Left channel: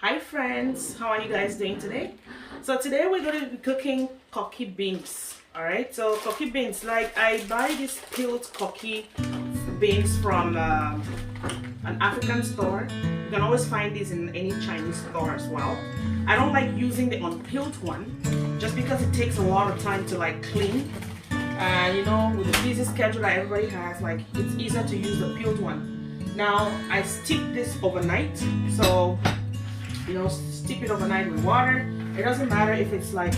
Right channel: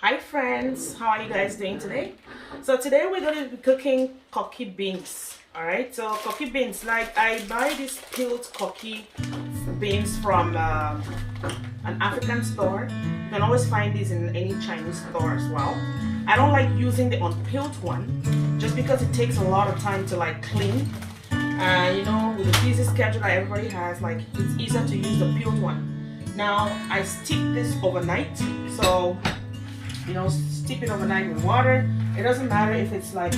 Hi friends, how are you guys doing today? So today we're going to be cooking Koki beans. Alright, so Koki beans, like I buy these peeled Koki beans from an African store. You can always find these in any Chinese store as well. I don't like using the unpeeled one just because it takes a lot of time to like clean. And you know, with the busy schedule that everybody has, like it's easier to use the peeled one. Now I steep this overnight, so you know, steep it overnight with water. It doesn't matter if it's like,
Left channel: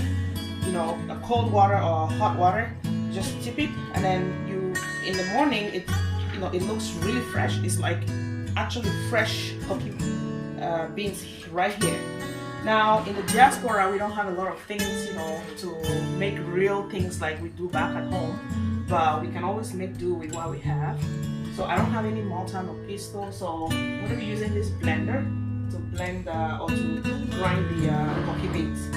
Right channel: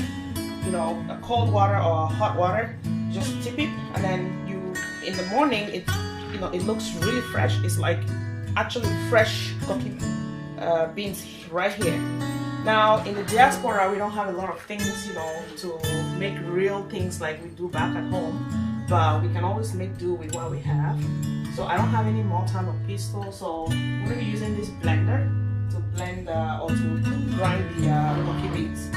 you know, a cold water or hot water. Just steep it, and then in the morning, it looks really fresh. It's like actually fresh Koki beans right here. Now in the diaspora, we don't have a lot of things, you know, to make real things like we do back at home, but we can always make do with what we have. So I don't have any mortar or pestle, so I'm going to be using this blender to blend or to grind the Koki beans.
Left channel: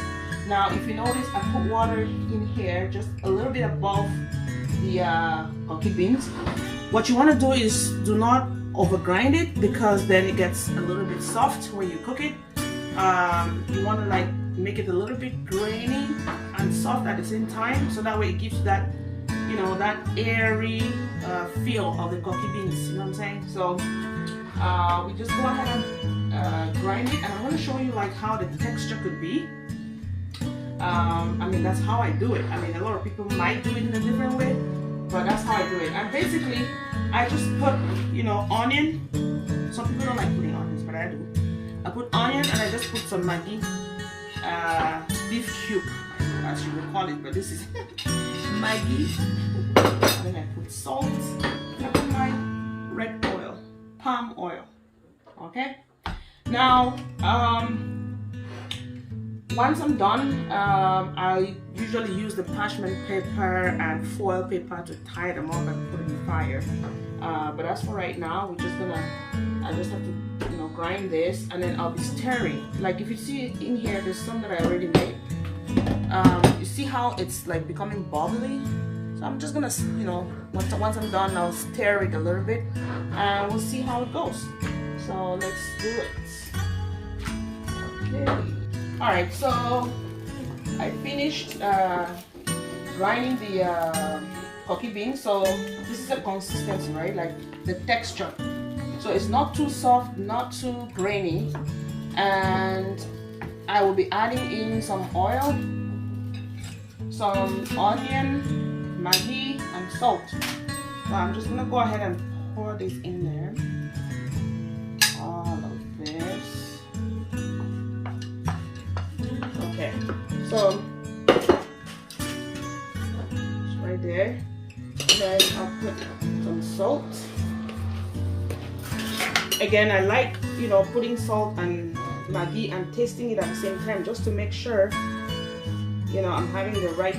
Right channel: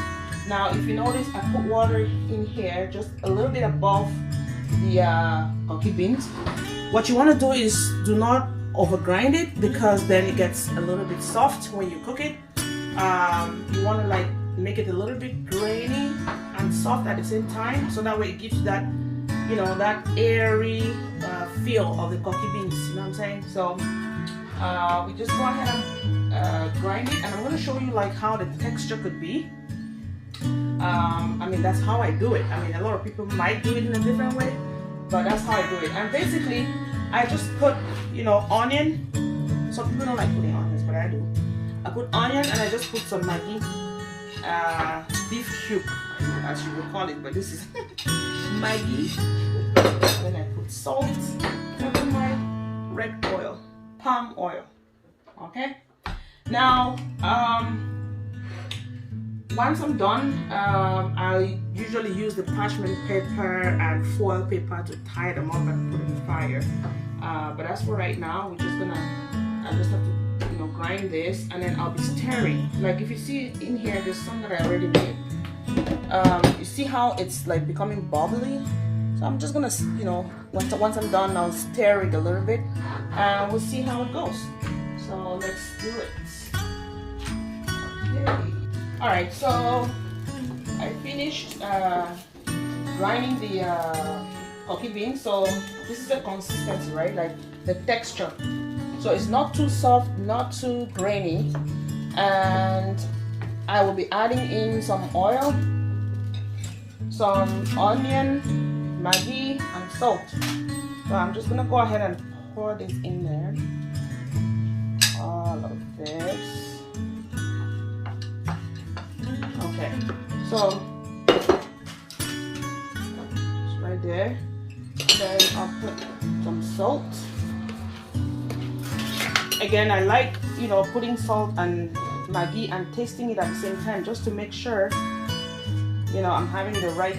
Now if you notice, I put water in here just a little bit above the Koki beans. What you want to do is do not over grind it, because then it gets a little bit soft when you cook it. You want to like make it a little bit grainy and soft at the same time, so that way it gives that, you know, that airy feel of the Koki beans, you know what I'm saying? So we just go ahead and grind it, and I'm going to show you like how the texture could be. I mean, that's how I do it. I mean, a lot of people might do it in a different way, but that's how I do it. And basically I just put, you know, onion. Some people don't like putting onions, but I do. I put onion, and I just put some Maggi, beef cube, as you will call it, but this is Maggi. And then I put salt, and I put my red oil, palm oil. Okay. Now, once I'm done, I usually use the parchment paper and foil paper to tie them up and put it in fire. But as for right now, I just have to, you know, grind this, and then I'll be stirring. Like if you see it in here, there's some that I already made. You see how it's like becoming bubbly? So I'm just gonna, you know, once I'm done, I'll stir it a little bit, and we'll see how it goes. So let's do it. Okay. All right, so I finished grinding the Koki beans. So this is the consistency, right? Like the texture. So it's not too soft, not too grainy, and I will be adding in some oil, some onion, Maggi, and salt. So I'm just gonna go ahead and pour this in there. All of this. Okay, so it's right there. Then I'll put some salt. Again, I like, you know, putting salt and Maggi and tasting it at the same time, just to make sure, you know, I'm having the right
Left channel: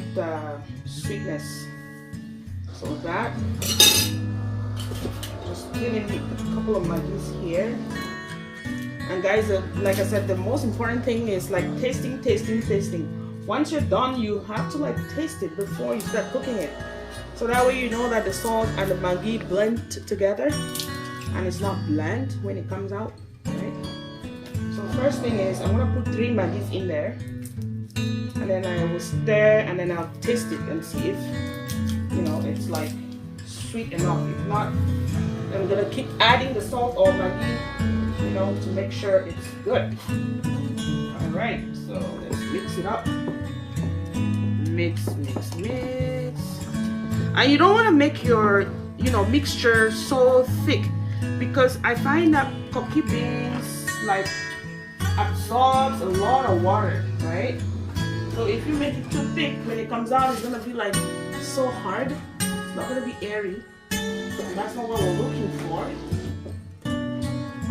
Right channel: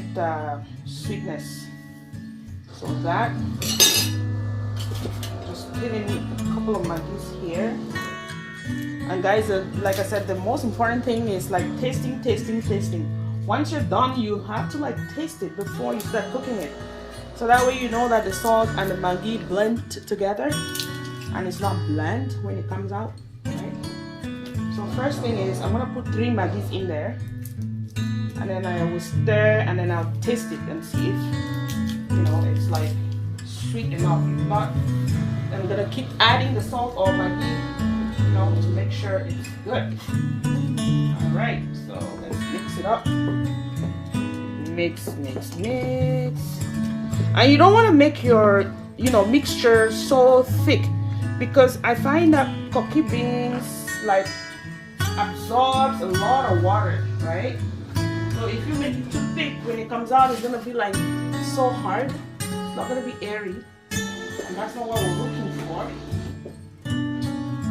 sweetness. So that, just giving a couple of Maggis here. And guys, like I said, the most important thing is like tasting. Once you're done, you have to like taste it before you start cooking it, so that way you know that the salt and the Maggi blend together, and it's not bland when it comes out, right? So first thing is, I'm gonna put 3 Maggis in there, and then I will stir, and then I'll taste it and see if, you know, it's like sweet enough. If not, then I'm gonna keep adding the salt or Maggi, you know, to make sure it's good. All right, so let's mix it up. Mix. And you don't want to make your, you know, mixture so thick, because I find that Koki beans like absorbs a lot of water, right? So if you make it too thick, when it comes out, it's gonna be like so hard. It's not gonna be airy, and that's not what we're looking for.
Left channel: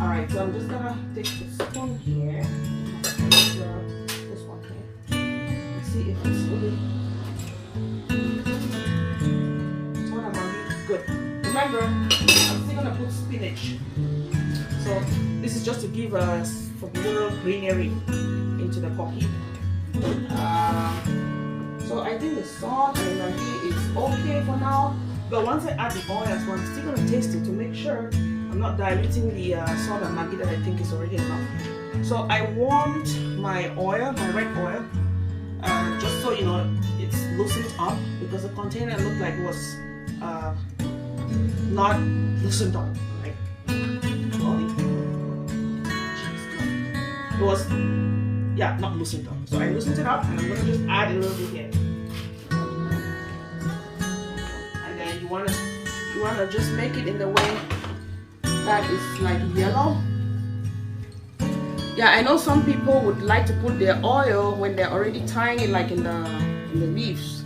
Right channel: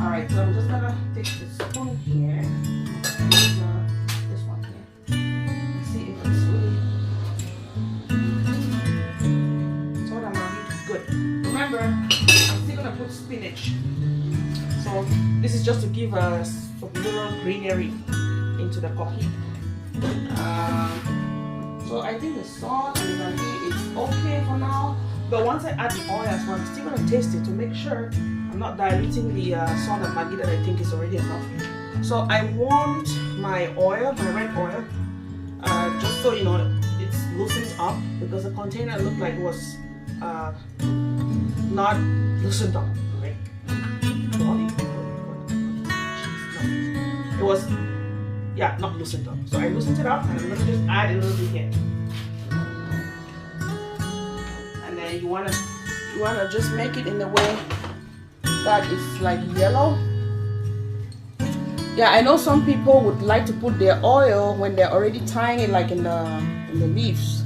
Alright, so I'm just gonna take the spoon here, this one here, and see if it's really, so that might be good. Remember, I'm still gonna put spinach. So this is just to give us some little greenery into the Koki. So I think the salt and the Maggi is okay for now. But once I add the oil as well, I'm still gonna taste it to make sure I'm not diluting the salt and Maggi that I think is already enough. So I want my oil, my red oil, just so you know, it's loosened up because the container looked like it was not loosened up. Like, it was, yeah, not loosened up. So I loosened it up, and I'm gonna just add a little bit here. And then you wanna just make it in the way that it's like yellow. Yeah, I know some people would like to put their oil when they're already tying it, like in the leaves.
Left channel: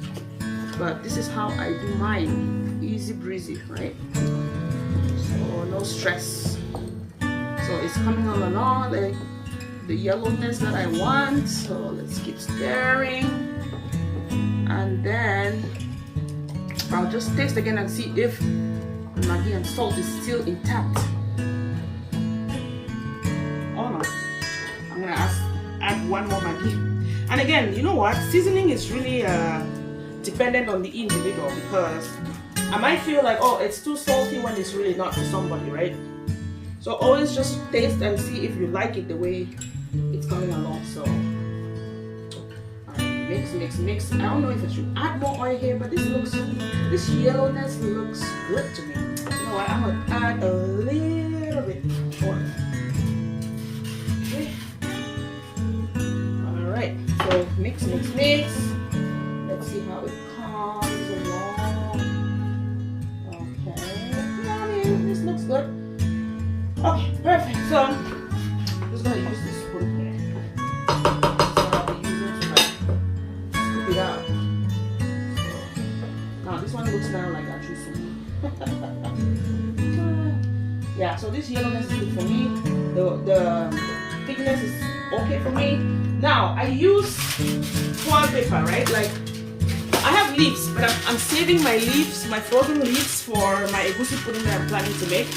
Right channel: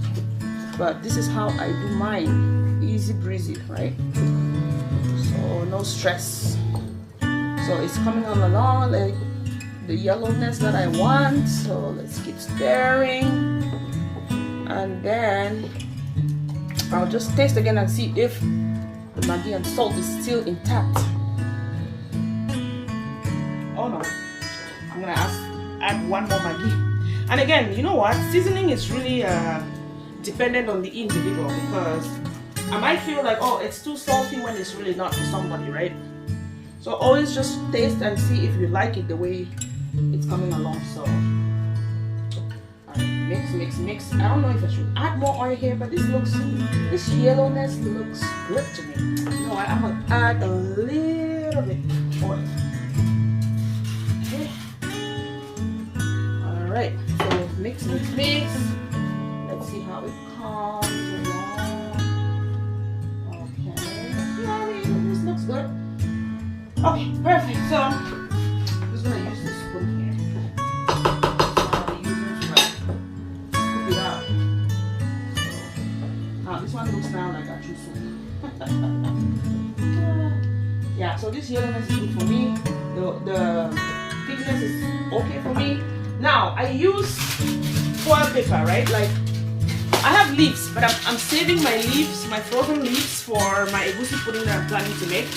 But this is how I do mine, easy breezy, right? So no stress. So it's coming on along, like the yellowness that I want. So let's keep stirring, and then I'll just taste again and see if Maggi and salt is still intact. Oh no, I'm gonna add one more Maggi. And again, you know what? Seasoning is really dependent on the individual, because I might feel like, oh, it's too salty when it's really not for somebody, right? So always just taste and see if you like it the way it's coming along. So mix. I don't know if I should add more oil here, but this yellowness looks good to me. You know what? I'm gonna add a little bit oil. Okay. All right. So mix. Let's see how it comes along. Okay. Yeah, this looks good. Okay, perfect. So I'm just gonna use this spoon here. This one looks now like I choose some. Yeah, so this yellowness is good for me. The thickness is okay for me. Now I use foil paper, right? Like I have leaves, but I'm saving my leaves, my frozen leaves, for my egusi pudding that I'm planning to make.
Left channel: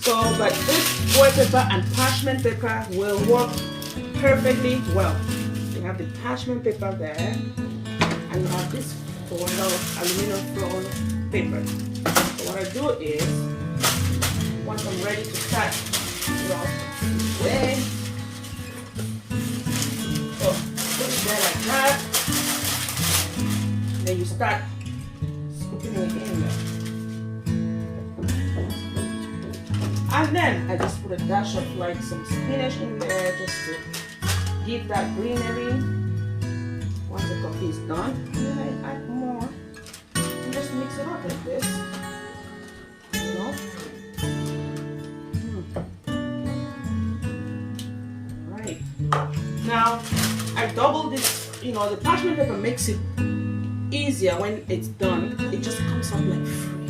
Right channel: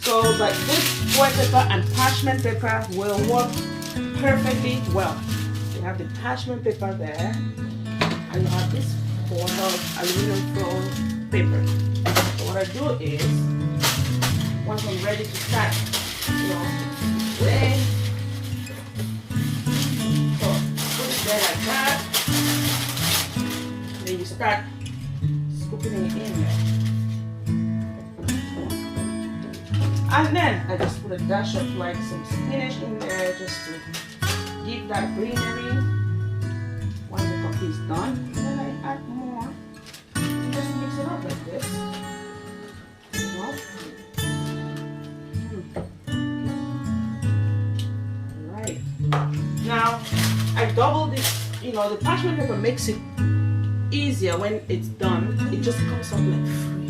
So, but this foil paper and parchment paper will work perfectly well. You have the parchment paper there, and you have this foil aluminum foil paper. So what I do is, once I'm ready to start, way, so put it there like that. Then you start scooping it in there. And then I just put a dash of like some spinach in there just to give that greenery. Once the coffee is done, then I add more and just mix it up like this. You know? Alright. Now I double this, the parchment paper makes it easier when it's done. It just comes up like free.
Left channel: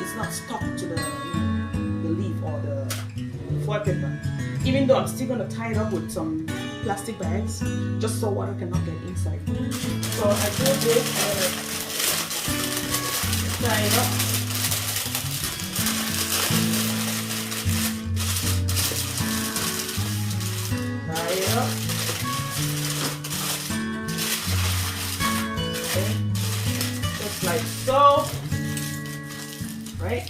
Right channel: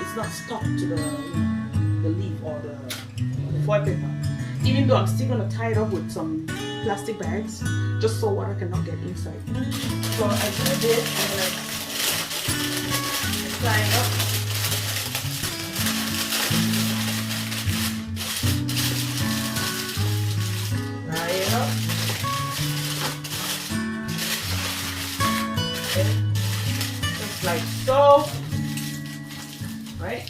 It's not stuck to the leaf or the foil paper. Even though I'm still gonna tie it up with some plastic bags, just so water cannot get inside. So I do this and then I tie it up. Tie it up. Okay. Just like so. Right?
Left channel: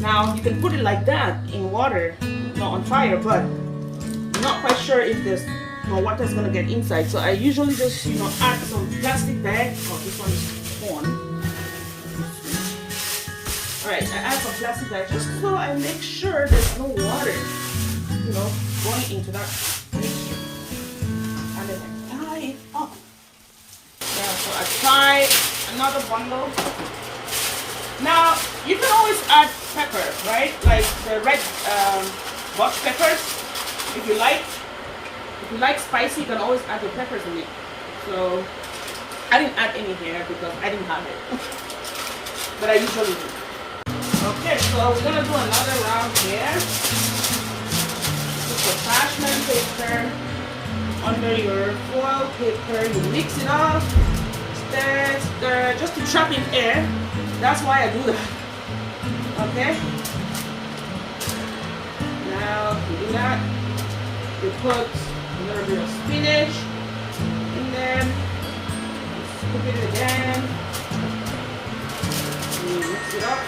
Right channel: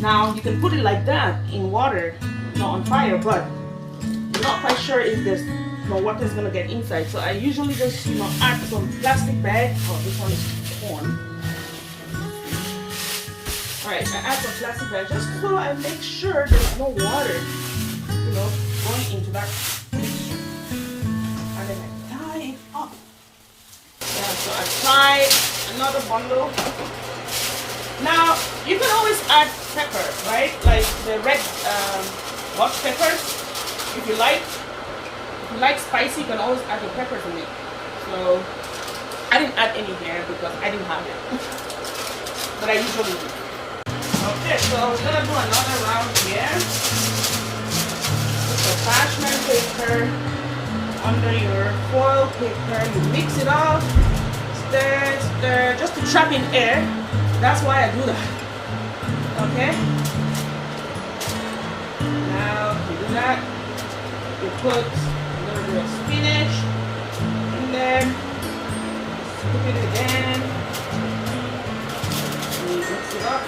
Now you can put it like that in water, not on fire, but I'm not quite sure if there's water is gonna get inside. So I usually just add some plastic bag. Oh, this one is torn. Alright, I add some plastic bag just so I make sure there's no water, going into that mixture. And then I tie it up. Yeah, so I tie another bundle. Now, you can always add peppers, right? Like the red butch peppers, if you like. If you like spicy, you can always add your peppers in it. So, I didn't add any here because I didn't have it. But I usually do. Okay, so we're going to do another round here. Put the parchment paper under your foil paper. You mix it up. Stir, just to trap in air. That's why I do that. Okay? Now you do that. You put a little bit of spinach in there. Scoop it again. And you mix it up.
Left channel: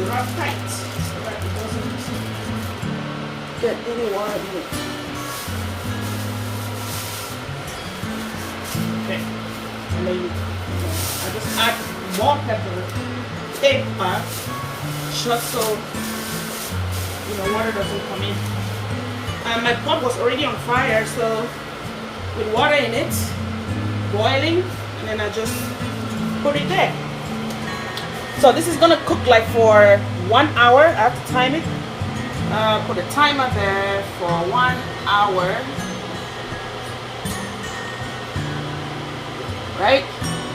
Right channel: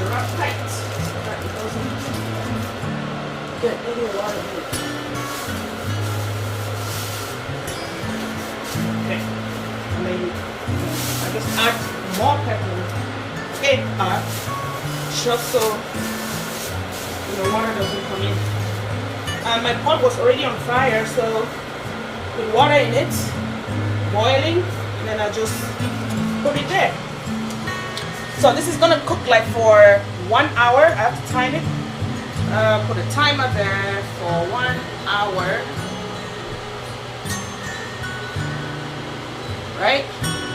Wrap tight so that it doesn't get any water in it. Okay, and then I just add more pepper just so water doesn't come in. And my pot was already on fire, so with water in it, boiling, and then I just put it there. So this is gonna cook like for 1 hour. I have to time it. Put a timer there for 1 hour. Right?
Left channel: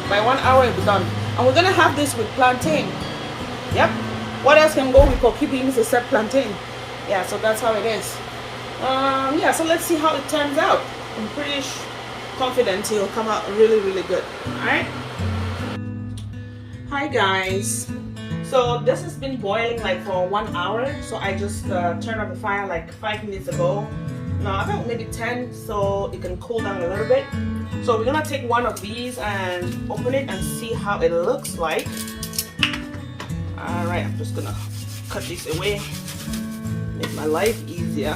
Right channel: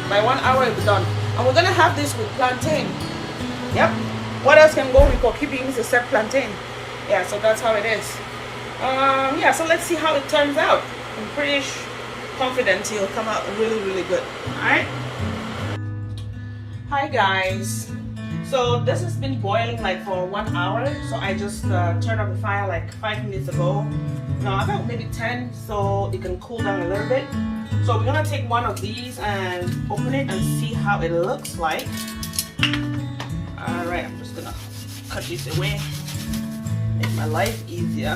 By 1 hour it's done. And we're gonna have this with plantain. Yep. What else can go with Koki beans except plantain? Yeah, so that's how it is. Yeah, so let's see how it turns out. I'm pretty confident it'll come out really, really good. Alright? Hi guys, so this has been boiling like for 1 hour, so I just turned off the fire like 5 minutes ago. Now about maybe 10, so it can cool down a little bit. So we're gonna take one of these and open it and see how it looks like. Alright, I'm just gonna cut this away, make my life easier.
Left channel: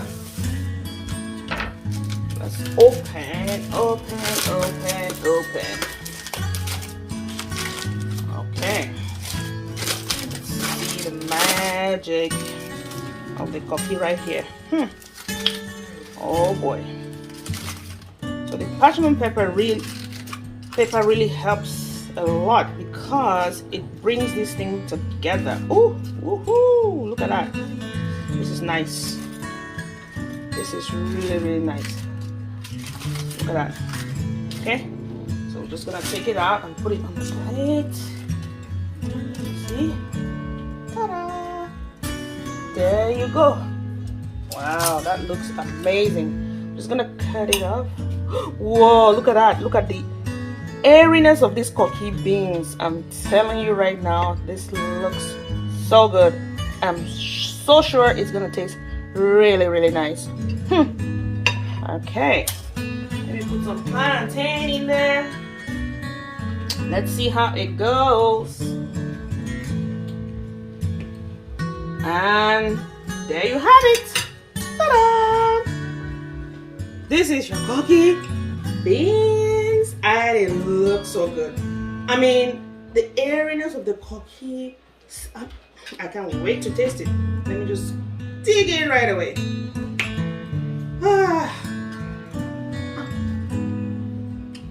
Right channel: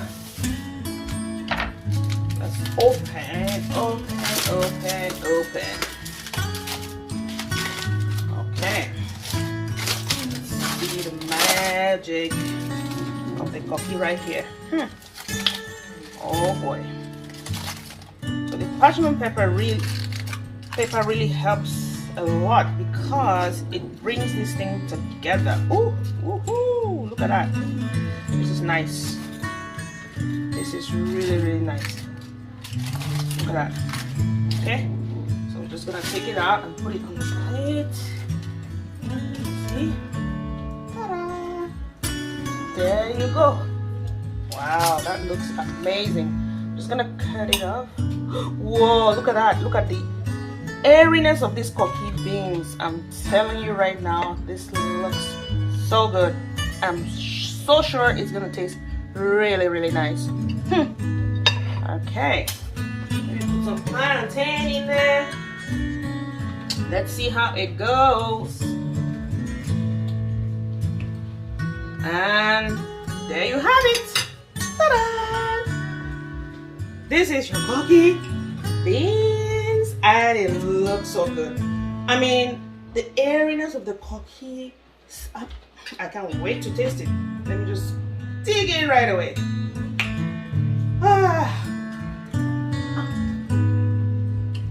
Let's open. Magic of the Koki right here. Oh boy. So the parchment pepper really helps a lot because it brings this thing together. Ooh, look at that. This is nice. This is really nice. Look at that. Okay, so we're just gonna take it out and put it inside. See? There you go. Wow, that looks amazing. Just gonna cut it off. Whoa, look at that. Look at the airiness of these Koki beans. I'm telling you right now, this looks so good. I'm so sure it's gonna taste really nice. Okay, maybe put some plantain in there. Let's see how it goes. And there you have it. Ta-da! This is your Koki beans, and it looks so good. I mean, the airiness of the Koki, I can't wait to taste it. Let me just dig in right away.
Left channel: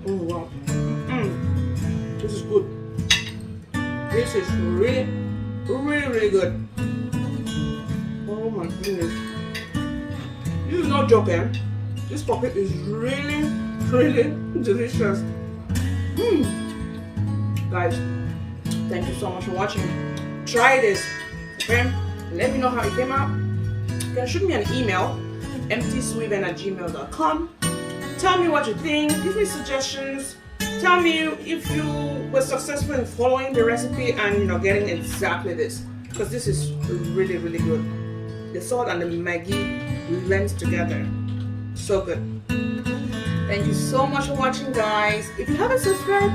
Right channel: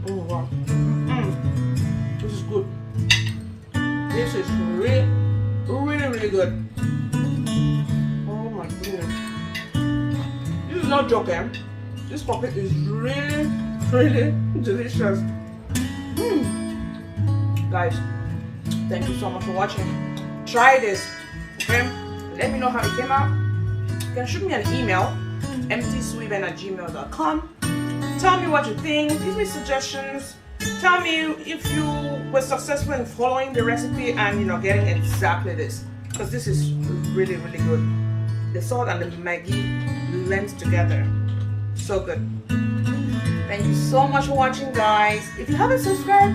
Oh wow. This is good. This is really good. Oh my goodness. This is not joking. This Koki is really delicious. Guys, thank you so much for watching. Try this, okay? Let me know how it came out. You can shoot me an email, emptysweven@gmail.com. Tell me what you think. Give me suggestions. Tell me if you were successful in following the recipe and getting exactly this, because this is really good. The salt and the Maggi blend together. So good. Thank you so much for watching, guys. If you haven't subscribed,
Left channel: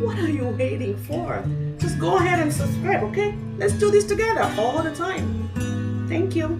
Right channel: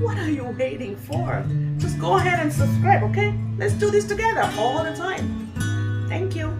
what are you waiting for? Just go ahead and subscribe, okay? Let's do this together all the time. Thank you.